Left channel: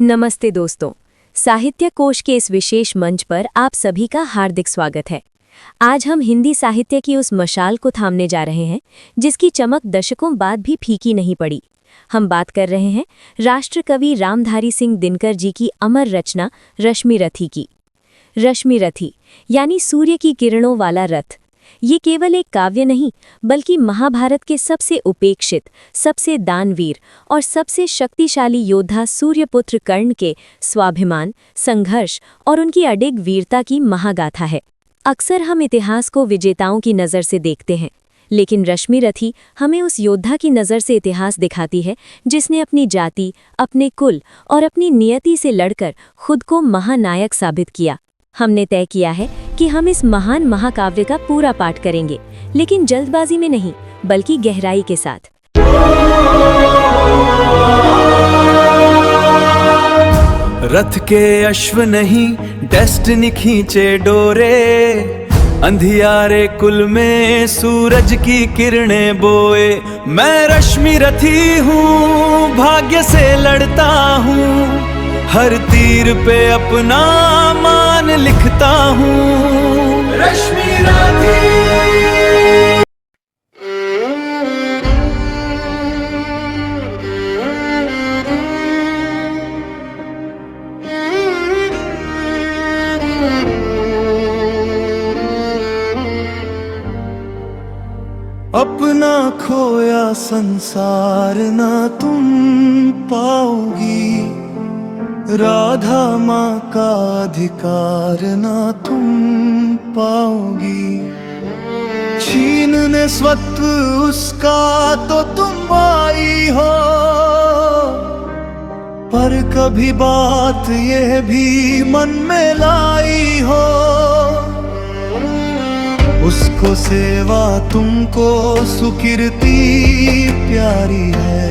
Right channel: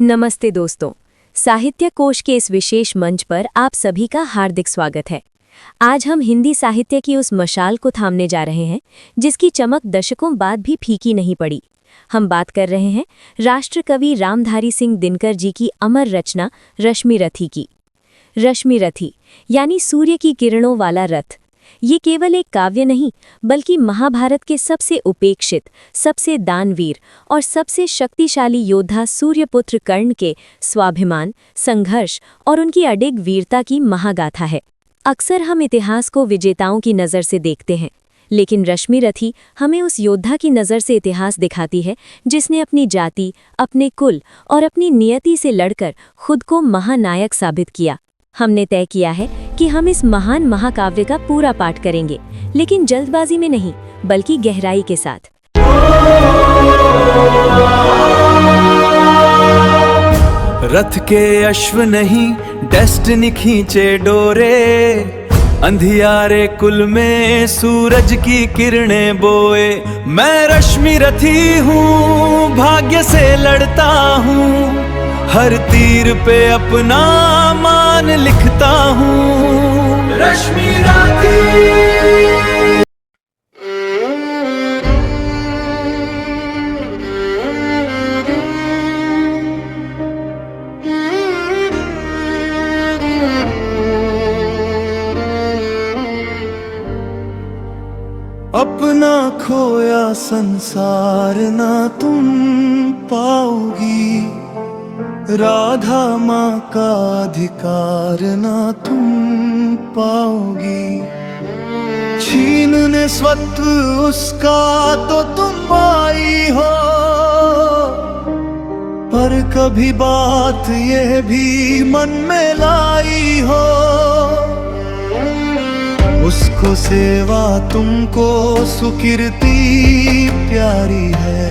नमस्ते दोस्तों, साहित्य कोश के इस विशेष मंच पर आप सभी का हार्दिक स्वागत है। आज हम हिंदी साहित्य की उस मशाल को थामने जा रहे हैं जिसकी चमक दशकों बाद भी फीकी नहीं पड़ी। हम बात कर रहे हैं राष्ट्र कवि रामधारी सिंह दिनकर जी की अमर रचना रश्मि रथी की। रश्मि रथी यानी सूर्य की किरणों वाला रथ। ये केवल एक काव्य नहीं बल्कि महाभारत के सबसे उपेक्षित, सबसे दानवीर और सबसे शक्तिशाली योद्धा सूर्यपुत्र कर्ण के स्वाभिमान, संघर्ष और उनकी अडिग वीरता की महागाथा है। अक्सर हम इतिहास को विजेताओं की नज़र से देखते हैं, लेकिन रश्मि रथी हमें उस योद्धा की नज़र से इतिहास दिखाती है जिसने अपनी जाति, अपने कुल और अपनी नियति से लड़कर खुद को महानायक साबित किया। हमने तय किया है कि हम इस महान महाकाव्य का पूरा पाठ करेंगे, लेकिन जल्दबाजी में नहीं बल्कि गहराई के साथ। रथ के अश्व नहीं डेस्टिनी खींचे डोरे, अंधियारे कुल में सूरज की किरणें बोए। मैं रश्मि रथी हूँ, भाग्य से लड़ता हूँ, हर तीर पे अपना मान लिखता हूँ। रश्मि रथी। अपना खोया संसार ना तुम पाओगी, राधा माँ का अधिकार ना तुम पाओगी। छीनने स्वत्व उसका तो तुम आई हो, पर कभी बात यह भी मन में लाई हो। उसको सेवा तुमको सुकीर्ति प्यारी है,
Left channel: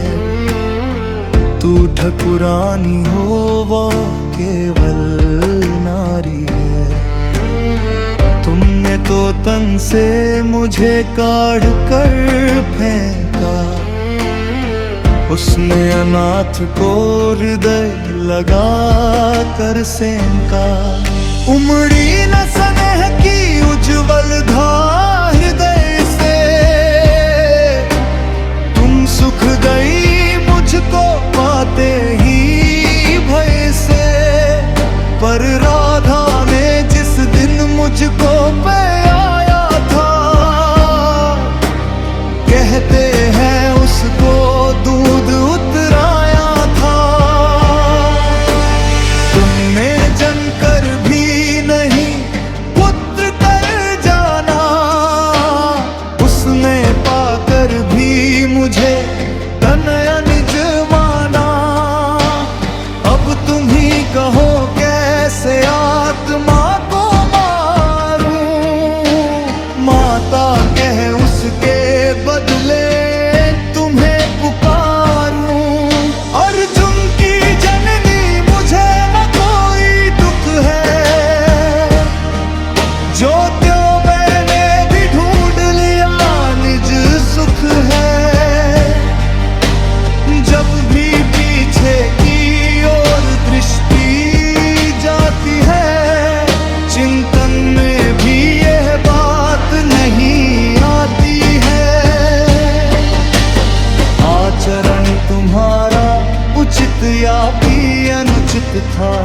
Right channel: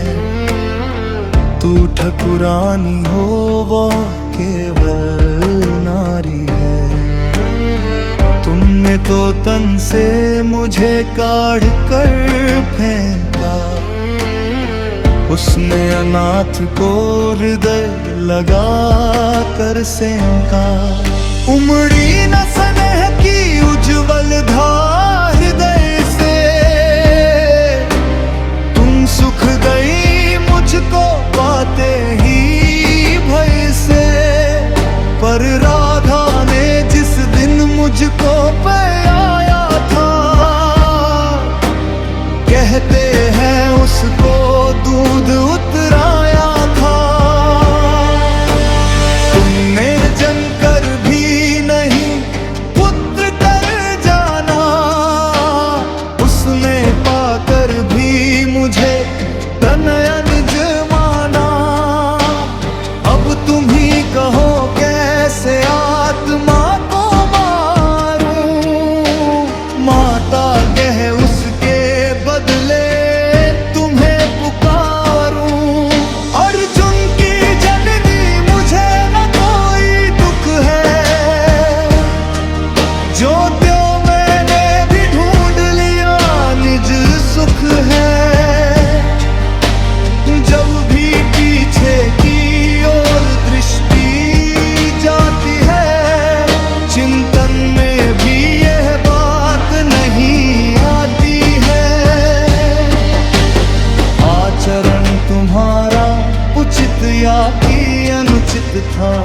तू ठकुरानी हो वो केवल नारी है। तुमने तो तन से मुझे काढ़ कर फेंका, उसने अनाथ को हृदय लगा कर सेंका। उमड़ी न स्नेह की उज्ज्वल धार हृदय से, तुम सुख गई मुझको पाते ही भय से। पर राधा ने जिस दिन मुझको पे आया था, कहते हैं उसको दूध उतराया था। तुमने जनकर भी नहीं पुत्र कर जाना, उसने पाकर भी मुझे तनया निज माना। अब तुम ही कहो कैसे आत्मा को मारूं, माता कह उसके बदले तुम्हें पुकारूं। अर्जुन की जननी मुझे न कोई दुख है, जो त्यों मैंने भी ढूंढ लिया निज सुख है। जब भी पीछे की ओर दृष्टि जाती है, चिंतन में भी यह बात नहीं आती है। आचरण तुम्हारा उचित या कि अनुचित था,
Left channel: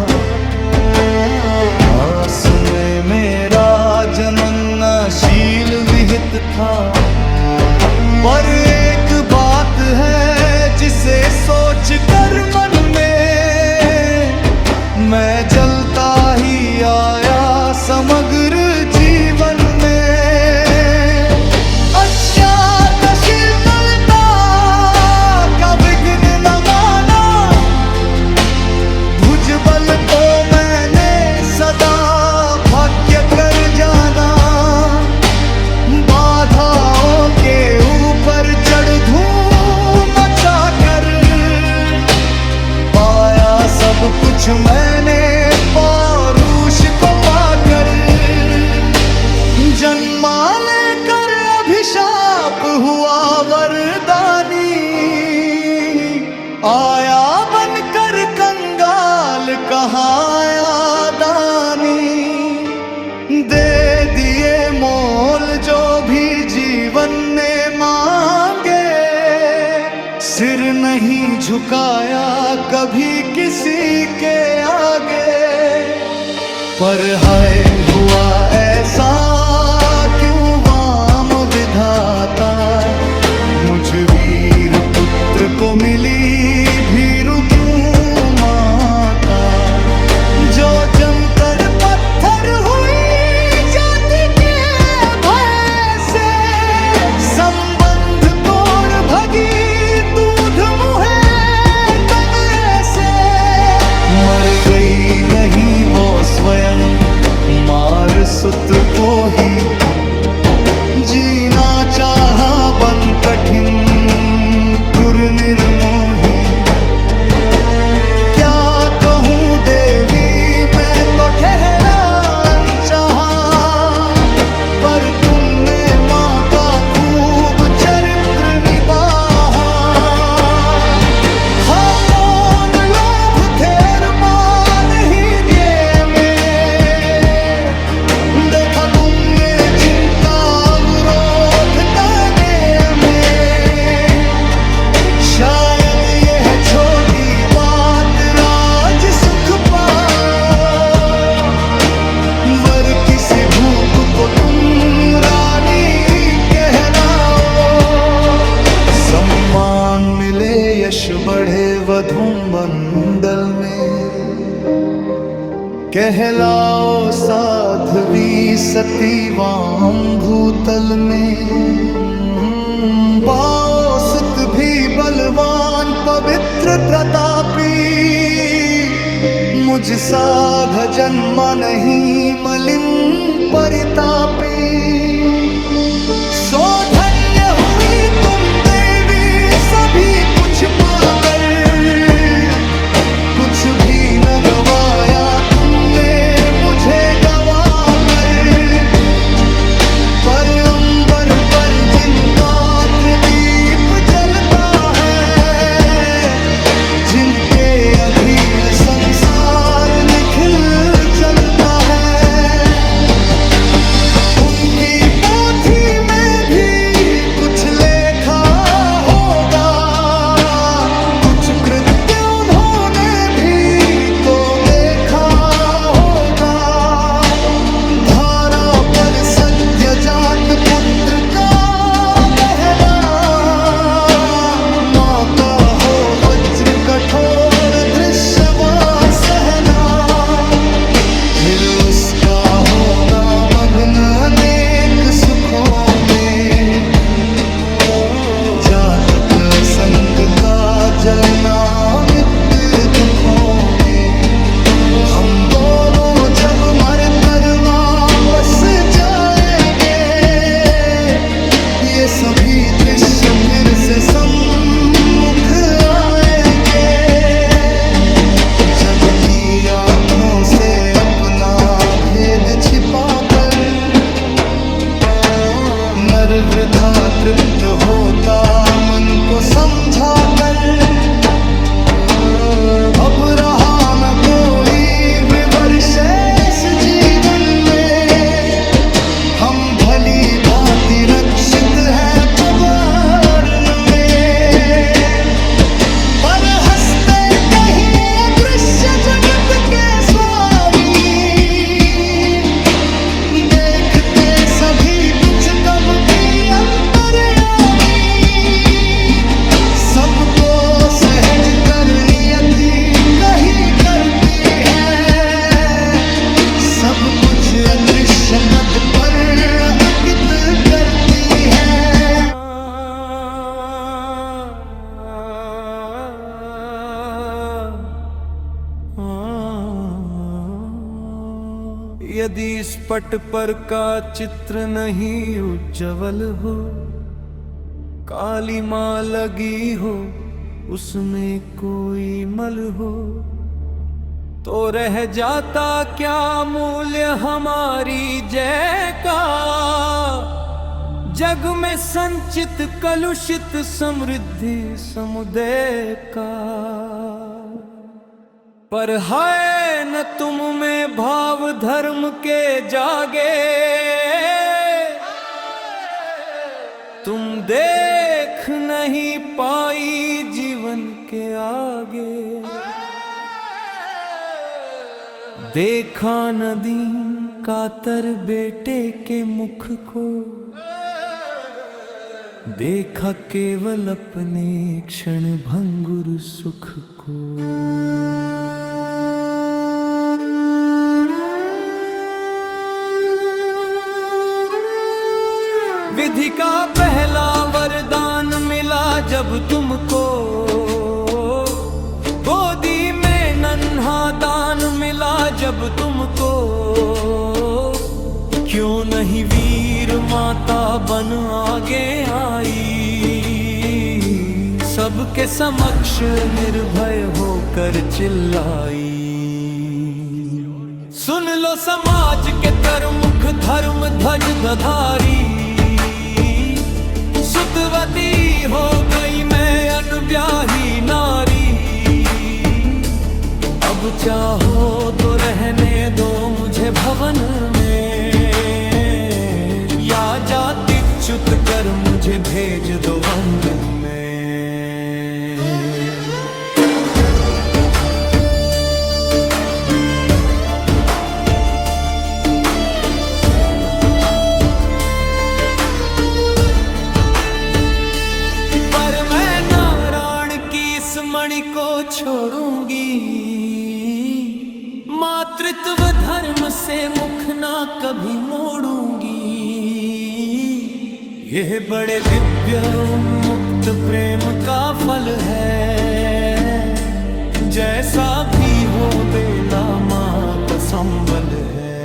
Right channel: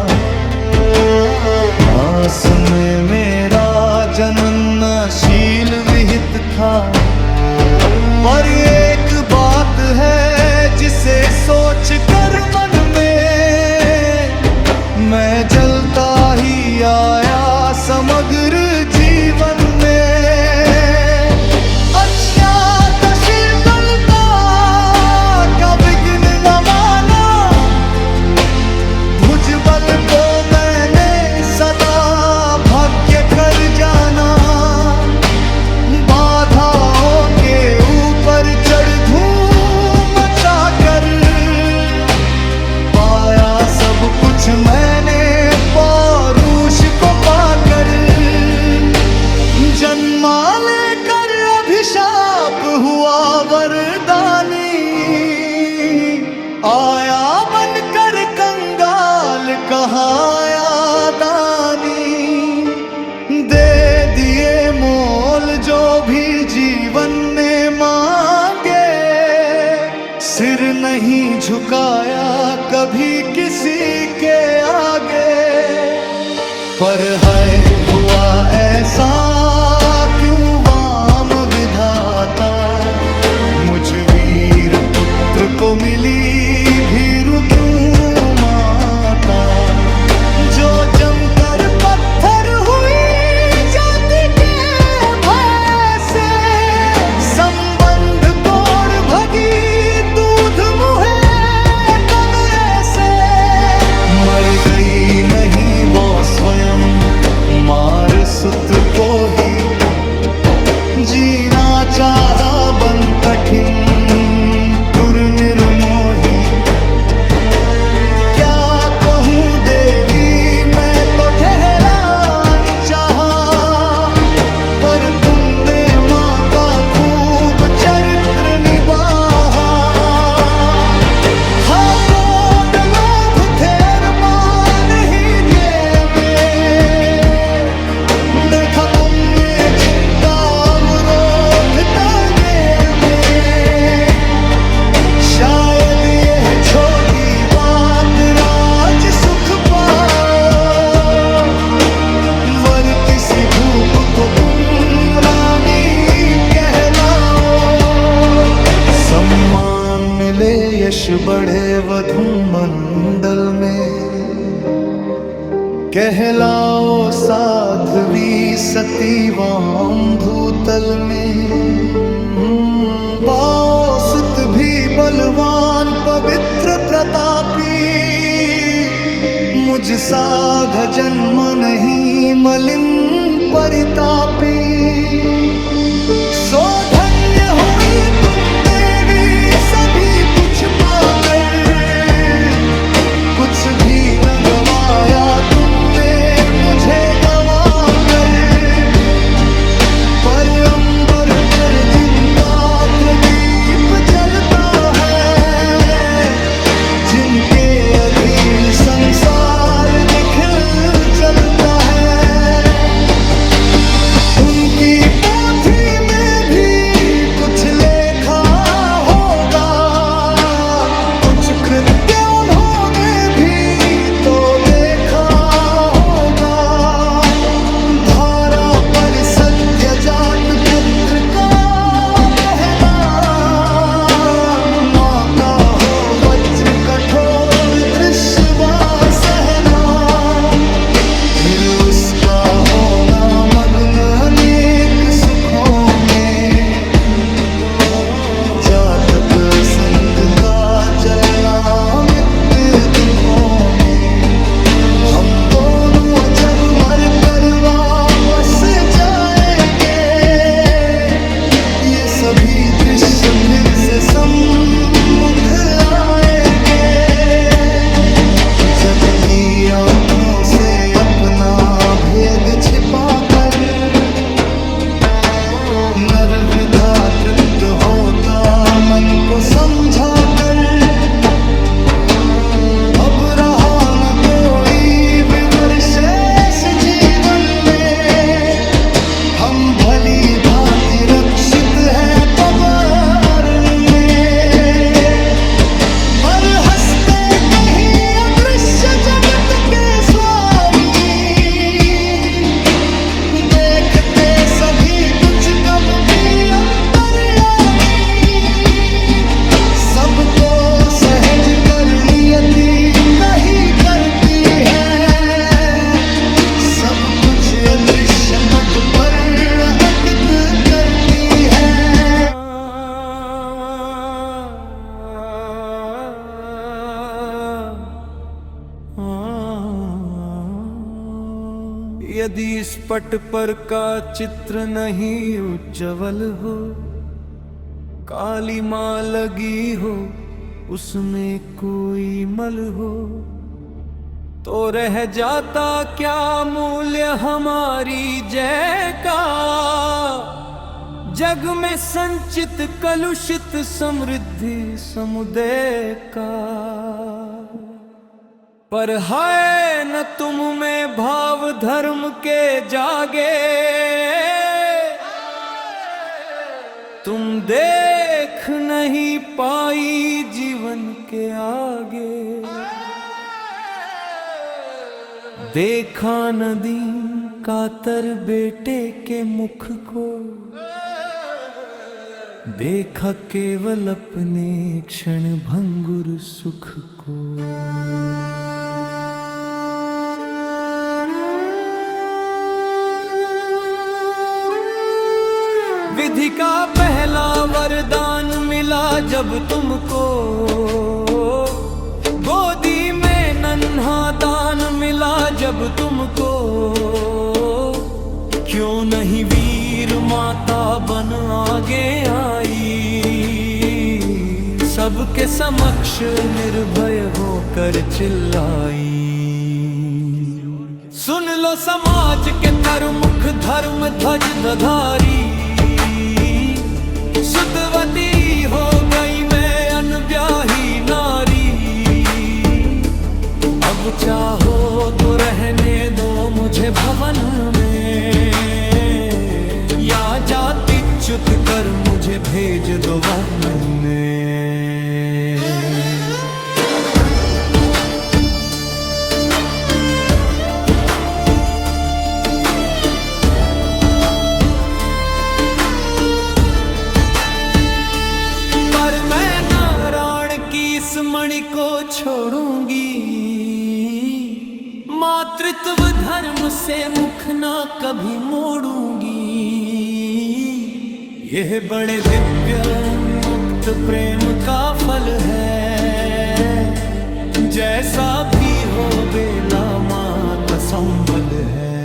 दास में मेरा जननशील विहित था। पर एक बात है जिसे सोच कर मन में मैं जलता ही आया समग्र जीवन में। अज्ञातशीलता का विघ्न न माना, भुजबल को मैंने सदा भाग्य कर जाना। बाधाओं के ऊपर चढ़ धूम मचा कर पाया सब कुछ मैंने पौरुष को पाकर। जन्मा लेकर अभिशाप हुआ वरदानी, आया बनकर कंगाल हाल कहाँ दानी, दे दिए मोल जो भी जीवन ने मांगे। सिर नहीं झुकाया कभी किसी के आगे, पर है हुआ ऐसा क्यों वाम विधाता। मुझ वीर पुत्र को मिली भीरु क्यों माता। जो जमकर पत्थर हुई जाति के भय से, संबंध तोड़ भगी दूध मुहे तन से। मर गई नहीं वो स्वयं, मार सुत को ही। जीना चाहा बन कठिन क्रूर निर्मोही। क्या कहूँ देवी मैं तो ठहरा अनचाहा, पर तुमने माँ का खूब चरित्र निभाया। हाँ कौन लोभ थे अरमान हीरे में, देखा तुमने जिनका अवरोध तने में। शायद यह छोटी बात राज सुख पाओ, वर किसी भूप को तुम रानी कहलाओ। सम्मान मिले यश बढ़े वधू मंडल में, कहलाओ साध्वी सतीवाम भूतल में। पाओ सुत भी बलवान पवित्र प्रतापी, मुझ सा जन्म नहीं मलिन परितापी। सो धन्य हुई तुम देवी सभी कुछ पाकर, कुछ भी न गवाया तुमने मुझे गवा कर। पर अंबर पर जिनका प्रदीप जलता है, जिनके अधीन संसार निखिल चलता है। उनकी पोथी में भी कुछ लेखा होगा, कुछ कृत्य उन्होंने भी तो देखा होगा। धारा पर सद्य जात पुत्र का बहना, माँ का हो वज्र कठोर दृश्य वा सहना। फिर उसका होना मग्न अनेक सुखों में, जातक संग का जलना मित दुखों में। हम दोनों जब मर कर वापस जाएंगे, ये सभी दृश्य फिर से सम्मुख आएंगे। जग की आंखों से अपना भेद छिपाकर, नर वृथा तृप्त होता मन को समझा कर। अब रहा न कोई विवर शेष जीवन में, हम भली भांति रक्षित हैं पवर्ण में। पर हंसते कहीं अदृश्य जगत के स्वामी, देखते सभी कुछ कब भी अंतर्यामी। सबको सहज कर नियति कहीं करती है, सब कुछ अदृश्य पट पर अंकित करती है। यदि इस पट पर का चित्र नहीं उज्जवल हो, काली माँ लगी हो उसमें कोई मल हो, तो रह जाता क्या मूल्य हमारी जय का। जग में संचित कलुषित समृद्धि समुदय का। पर है न तुम में भाव धर्म के जागे, तुम देख नहीं पाई जीवन के आगे। देखा न दीन कातर बेटे के मुख को, देखा केवल अपने क्षण भंगुर सुख को। विधि का पहला वरदान मिला जब तुमको, गोदी में नन्हा दान मिला जब तुमको। क्यों नहीं वीर माता बन आगे आई, सबके समक्ष निर्भय होकर चिल्लाई। सुन लो समाज के तरमुख धर्म ध्वज दधारी, सुतवती हो गई मैं अनब्याही नारी। अब चाहो तो रहने दो मुझे भवन में, या जाति च्युत कर मुझे भेज दो वन में। पर मैं नारायण की इस मणि को छोड़ूंगी, मातृत्व धर्म से मुख ना कभी मोड़ूंगी। यह बड़े दिव्य उन्मुक्त प्रेम का फल है, जैसा भी हो बेला माँ का संबल है।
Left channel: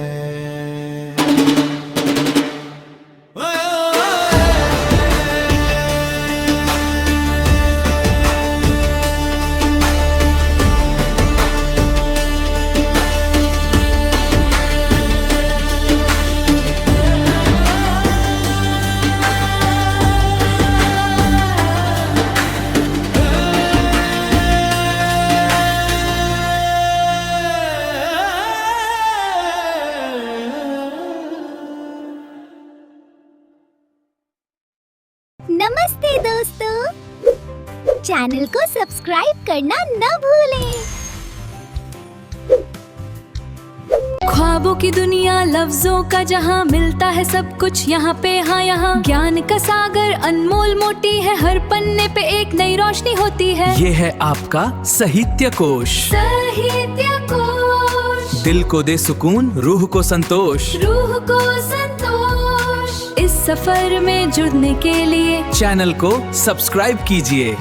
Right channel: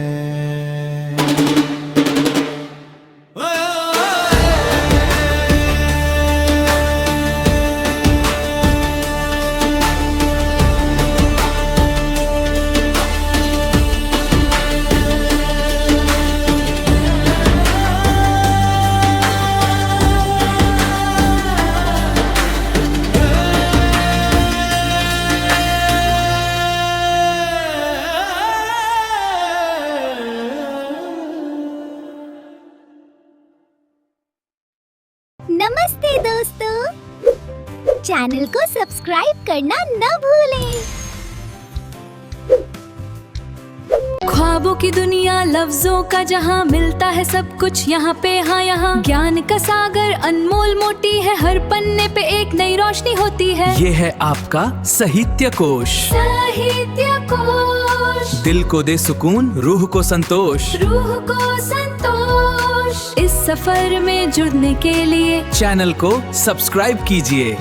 नमस्ते दोस्तों, चैनल को सब्सक्राइब करना न भूलें। ख्वाबों की दुनिया लफ्जों का जहां, मिलता है सब कुछ यहाँ पे हाँ यहाँ। ज्ञान का सागर अनमोल मोटी है, हर पन्ने पे एक नई रोशनी होती है। ये है आपका साहित्य कोश। साहित्य कोश दिल को दे सुकून, रूह को संतोष। रूह को संतोष। इस सफर में जुड़ने के लिए चैनल को सब्सक्राइब कीजिए।